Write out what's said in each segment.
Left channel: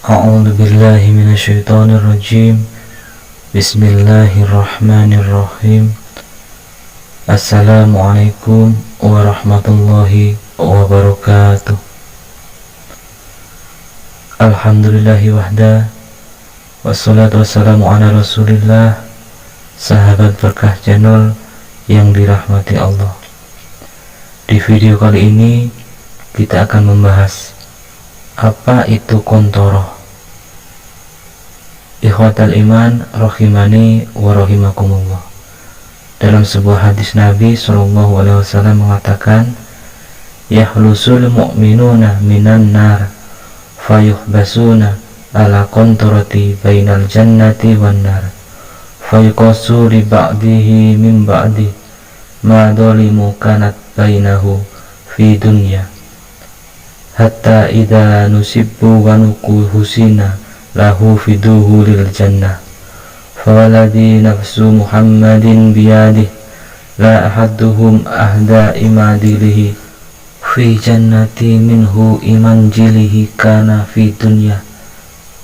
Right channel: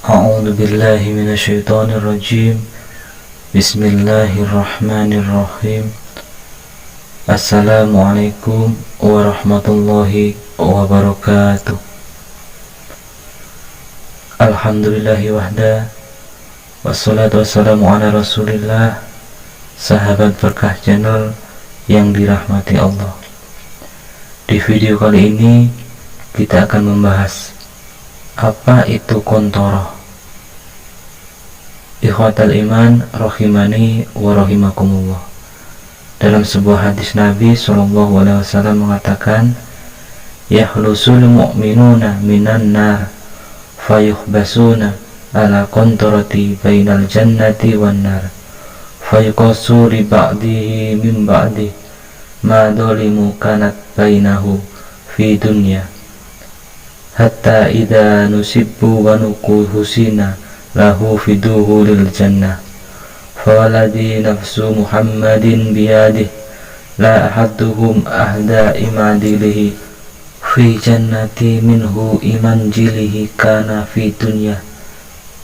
A'udzu billahi minasyaitonir rajim. Bismillahirrahmanirrahim. Assalamualaikum warahmatullahi wabarakatuh. Alhamdulillahi wahda, wassalatu wassalamu ala rasulillah. Sahabat Berkah Channel yang dirahmati Allah, di video kali ini kita akan membahas apa itu kontoroh. Ikhwatal iman rahimani wa rahimakumullah. Dalam sebuah hadis Nabi SAW mengatakan, yahlusul mu'minuna minan nar fayuhbasuna ala kontorati bainal jannati wan nar fayuqasu li ba'dihi min ba'di ma dolimu kanat bainahu fi dunya hatta idza nusibbu wa nuku husina lahu fiduhu lil jannah fawaladi nafsu muhammadin biyadih la ahaduhum ahda imadilihi fi jannati minhu iman jilihi kana fi dunya.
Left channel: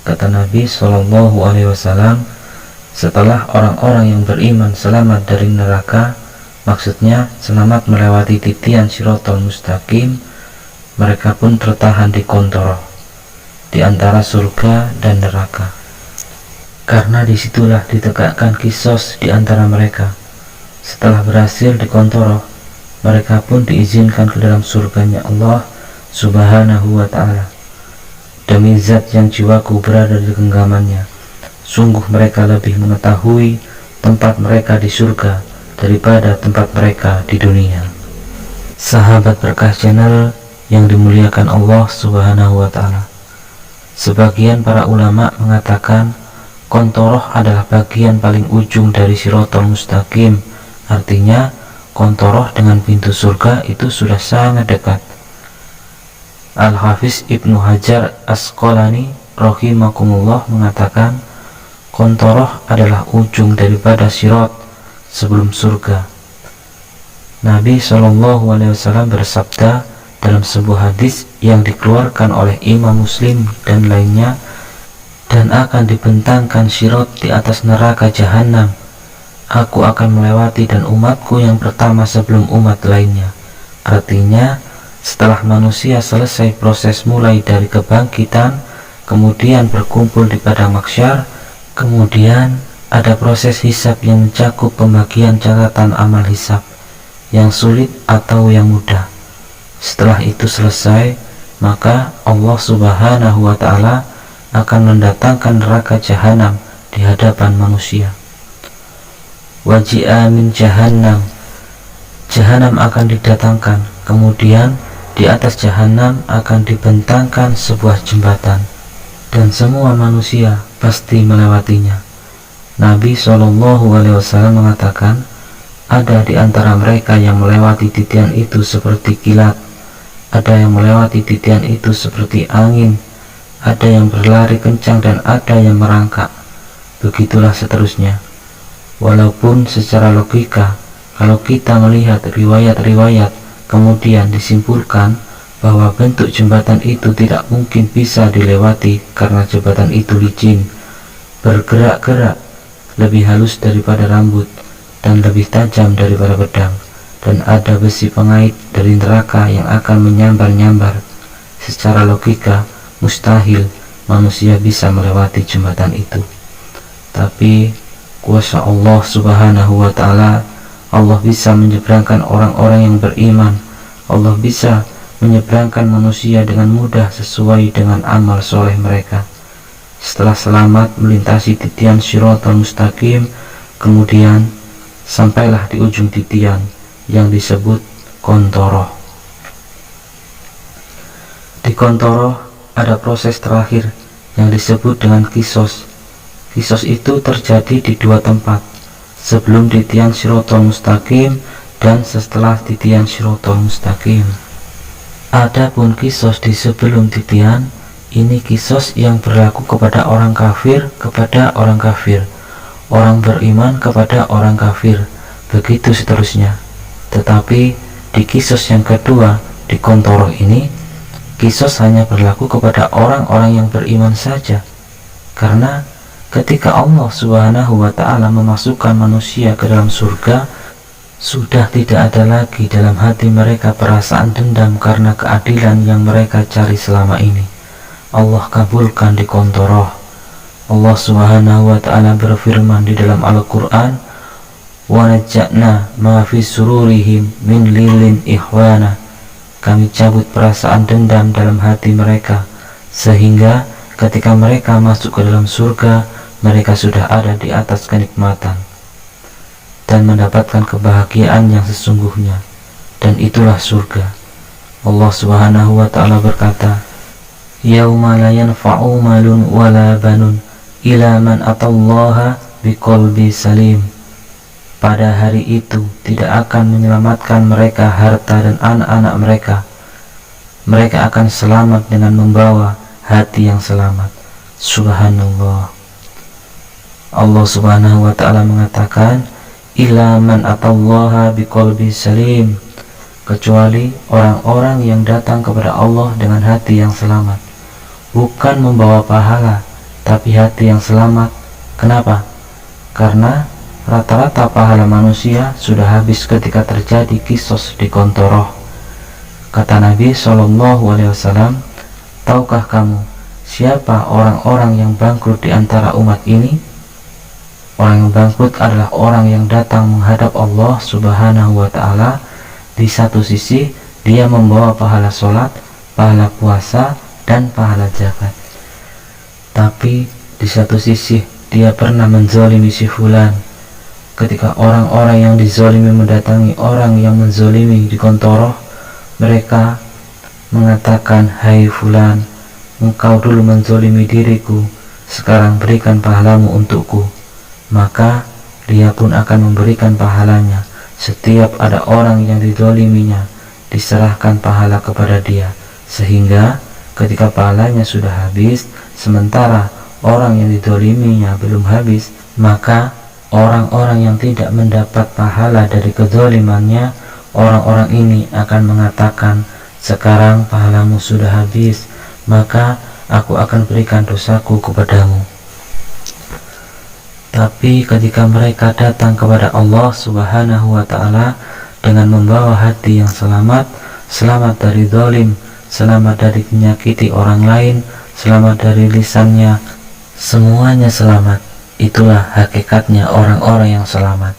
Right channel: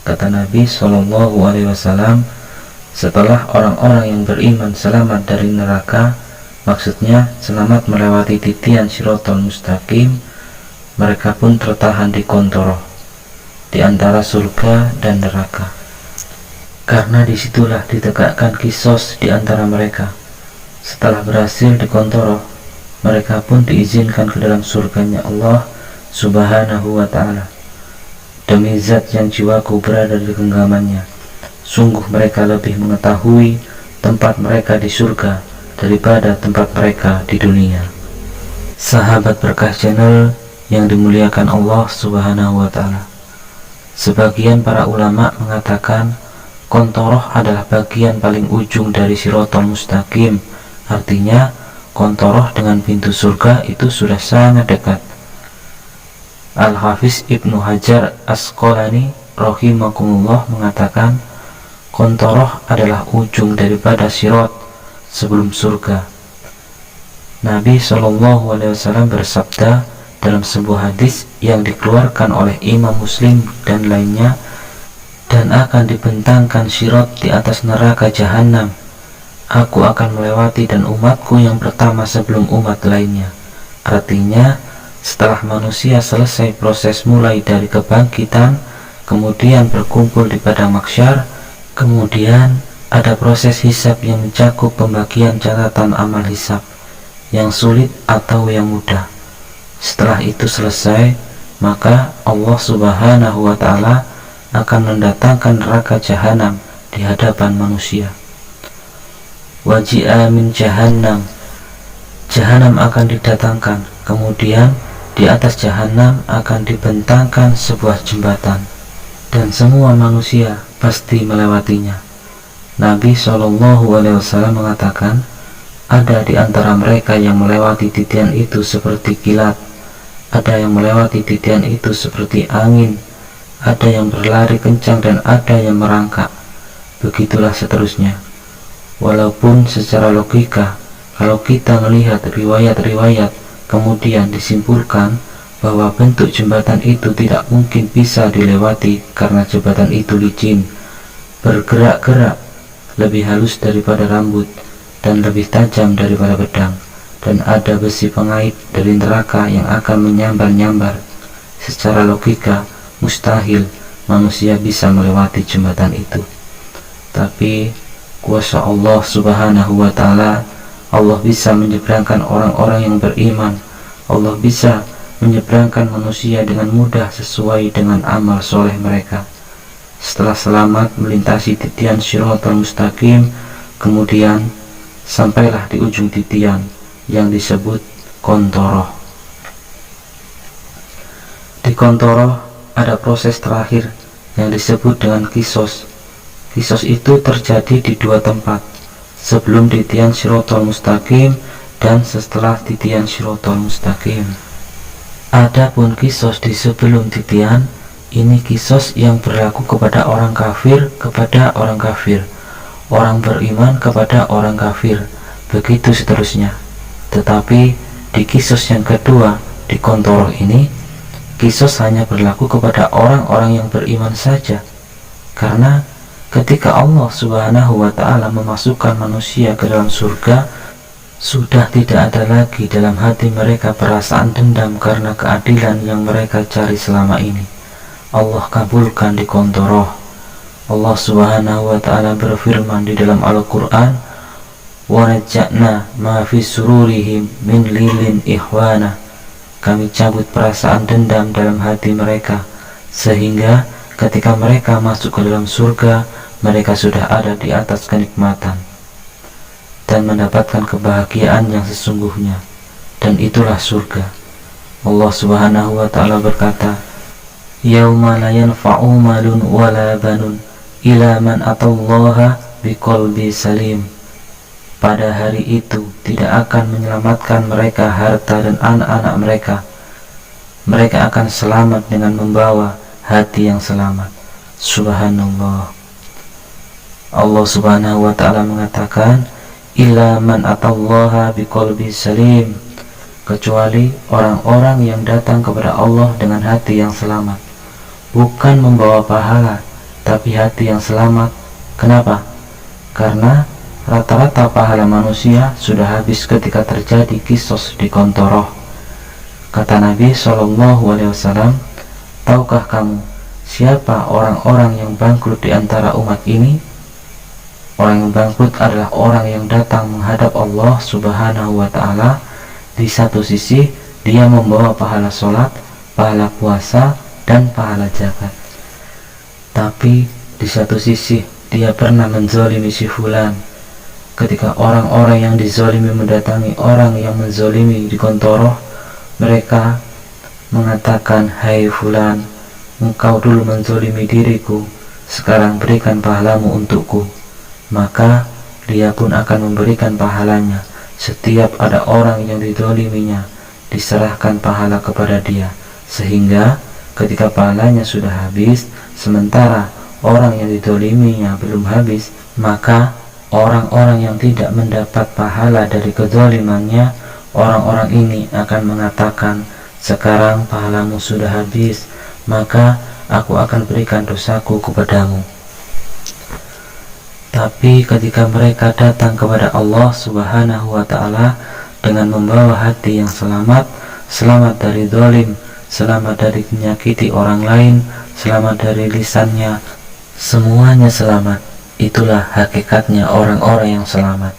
Kata Nabi SAW, setelah orang-orang yang beriman selamat dari neraka, maksudnya selamat melewati titian Shiratal Mustaqim, mereka pun tertahan di kontoroh, di antara surga dan neraka, karena disitulah ditegakkan kisos di antara mereka. Setelah berhasil di kontoroh, mereka pun diizinkan ke dalam surganya Allah Subhanahu wa ta'ala. Demi zat yang jiwaku berada di genggamannya, sungguh mereka lebih mengetahui tempat mereka di surga daripada tempat mereka di dunia. Sahabat Berkah Channel yang dimuliakan Allah Subhanahu wa ta'ala, sebagian para ulama mengatakan kontoroh adalah bagian paling ujung dari Shiratal Mustaqim. Artinya kontoroh dengan pintu surga itu sudah sangat dekat. Al-Hafiz Ibnu Hajar Asqalani rahimakumullah mengatakan kontoroh adalah ujung daripada Shirat sebelum surga. Nabi SAW bersabda dalam sebuah hadis yang dikeluarkan oleh Imam Muslim dan lainnya, dan akan dibentangkan Shirat di atas neraka Jahannam. Aku akan melewati dan umatku yang pertama sebelum umat lainnya. Artinya, setelah manusia selesai proses mulai dari kebangkitan, kemudian berkumpul di padang mahsyar, kemudian ada proses hisab yang mencakup pembagian catatan amal hisab yang sulit atau yang mudah. Setelah itu selesai, maka Allah Subhanahu wa ta'ala akan mendatangkan neraka Jahannam di hadapan manusia. Waji'a min Jahannam, Jahannam akan didatangkan, kemudian di atas Jahannam akan dibentangkan sebuah jembatan, dan semua manusia pasti melewatinya. Nabi SAW mengatakan, ada di antara mereka yang melewati titian itu seperti kilat, ada yang melewati titian itu seperti angin, ada yang berlari kencang, dan ada yang merangkak. Begitulah seterusnya. Walaupun secara logika, kalau kita melihat riwayat-riwayat, kemudian disimpulkan bahwa bentuk jembatan itu tidak mungkin bisa dilewati karena jembatan itu licin, bergerak-gerak, lebih halus daripada rambut, dan lebih tajam daripada pedang, dan ada besi pengait dari neraka yang akan menyambar-nyambar. Secara logika mustahil manusia bisa melewati jembatan itu. Tapi kuasa Allah Subhanahu wa ta'ala, Allah bisa menyeberangkan orang-orang yang beriman. Allah bisa menyeberangkan manusia dengan mudah sesuai dengan amal soleh mereka. Setelah selamat melintasi titian Shiratal Mustaqim, kemudian sampailah di ujung titian yang disebut kontoroh. Di kontoroh ada proses terakhir yang disebut dengan kisos. Kisos itu terjadi di dua tempat, sebelum titian Shiratal Mustaqim dan setelah titian Shiratal Mustaqim. Adapun kisos di sebelum titian, ini kisos yang berlaku kepada orang kafir kepada orang kafir, orang beriman kepada orang kafir, begitu seterusnya. Tetapi di kisos yang kedua, di kontoroh ini, Qisas hanya berlaku kepada orang-orang yang beriman saja, karena ketika Allah Subhanahu wa ta'ala memasukkan manusia ke dalam surga, sudah tidak ada lagi dalam hati mereka perasaan dendam karena keadilan yang mereka cari selama ini. Allah kabulkan di kontoroh. Allah Subhanahu wa ta'ala berfirman di dalam Al-Quran, wa najja'na ma fi sururihim min lilin ikhwana. Kami cabut perasaan dendam dalam hati mereka, sehingga ketika mereka masuk ke dalam surga, mereka sudah ada di atas kenikmatan dan mendapatkan kebahagiaan yang sesungguhnya, dan itulah surga. Allah Subhanahu wa ta'ala berkata, yauma la yanfa'u malun wala banun ila man atallaha biqalbi salim. Pada hari itu tidak akan menyelamatkan mereka harta dan anak-anak mereka. Mereka akan selamat dengan membawa hati yang selamat. Subhanallah. Allah Subhanahu wa ta'ala mengatakan, ila man atallaha biqalbi salim, kecuali orang-orang yang datang kepada Allah dengan hati yang selamat, bukan membawa pahala, tapi hati yang selamat. Kenapa? Karena rata-rata pahala manusia sudah habis ketika terjadi kisos di kontoroh. Kata Nabi SAW, tahukah kamu siapa orang-orang yang bangkrut di antara umat ini? Orang yang bangkrut adalah orang yang datang menghadap Allah Subhanahu wa ta'ala. Di satu sisi dia membawa pahala sholat, pahala puasa, dan pahala zakat, tapi di satu sisi dia pernah menzalimi si fulan. Ketika orang-orang yang dizalimi mendatangi orang yang menzalimi di kontoroh, mereka mengatakan, hai fulan, engkau dulu menzalimi diriku, sekarang berikan pahalamu untukku. Maka dia pun akan memberikan pahalanya. Setiap ada orang yang dizaliminya, diserahkan pahala kepada dia, sehingga ketika pahalanya sudah habis, sementara orang yang dizaliminya belum habis, maka orang-orang yang tidak mendapat pahala dari kezalimannya, orang-orang ini akan mengatakan, sekarang pahalamu sudah habis, maka aku akan berikan dosaku kepadamu. Tapi ketika mereka datang kepada Allah Subhanahu wa ta'ala dengan membawa hati yang selamat, selamat dari zalim, selamat dari menyakiti orang lain, selamat dari lisannya, semuanya selamat. Itulah hakikatnya orang-orang yang selamat.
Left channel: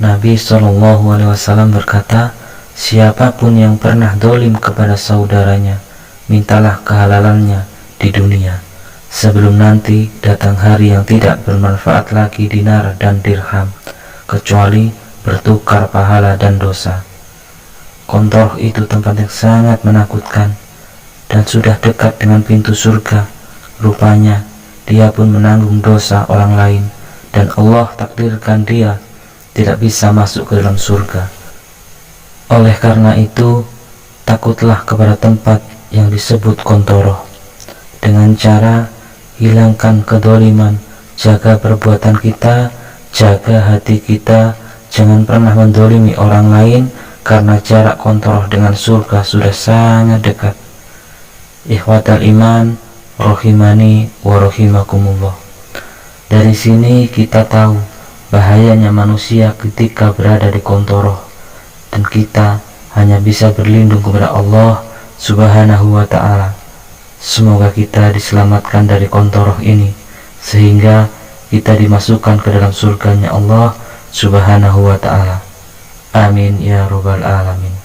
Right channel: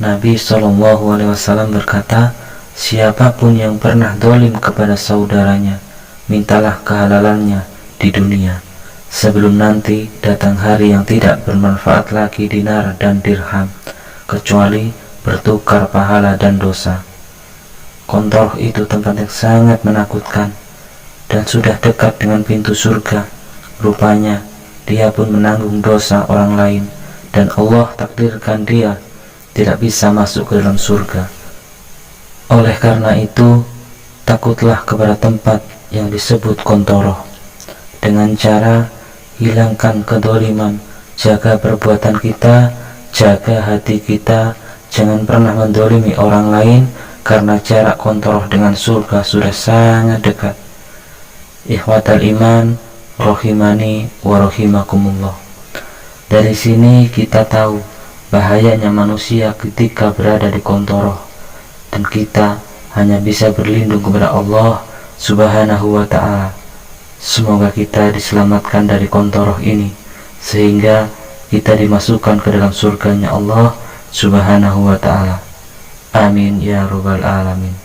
Nabi SAW berkata, siapapun yang pernah zalim kepada saudaranya, mintalah kehalalannya di dunia, sebelum nanti datang hari yang tidak bermanfaat lagi dinar dan dirham, kecuali bertukar pahala dan dosa. Kontoroh itu tempat yang sangat menakutkan dan sudah dekat dengan pintu surga. Rupanya dia pun menanggung dosa orang lain, dan Allah takdirkan dia tidak bisa masuk ke dalam surga. Oleh karena itu, takutlah kepada tempat yang disebut kontoroh, dengan cara hilangkan kedoliman, jaga perbuatan kita, jaga hati kita, jangan pernah mendolimi orang lain, karena jarak kontoroh dengan surga sudah sangat dekat. Ikhwatal iman, rohimani wa rohimakumullah. Dari sini kita tahu bahayanya manusia ketika berada di kontoroh, dan kita hanya bisa berlindung kepada Allah Subhanahu wa ta'ala. Semoga kita diselamatkan dari kontoroh ini, sehingga kita dimasukkan ke dalam surganya Allah Subhanahu wa ta'ala. Amin ya rabbal alamin.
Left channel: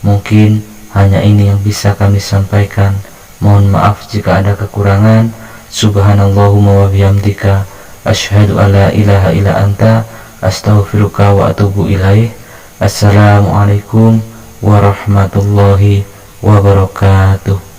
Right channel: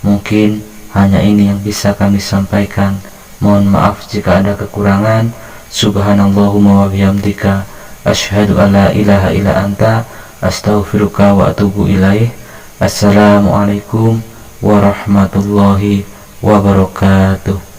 Mungkin hanya ini yang bisa kami sampaikan. Mohon maaf jika ada kekurangan. Subhanallahumma wa bihamdika, asyhadu alla ilaha illa anta, astaghfiruka wa atubu ilaih. Assalamualaikum warahmatullahi wabarakatuh.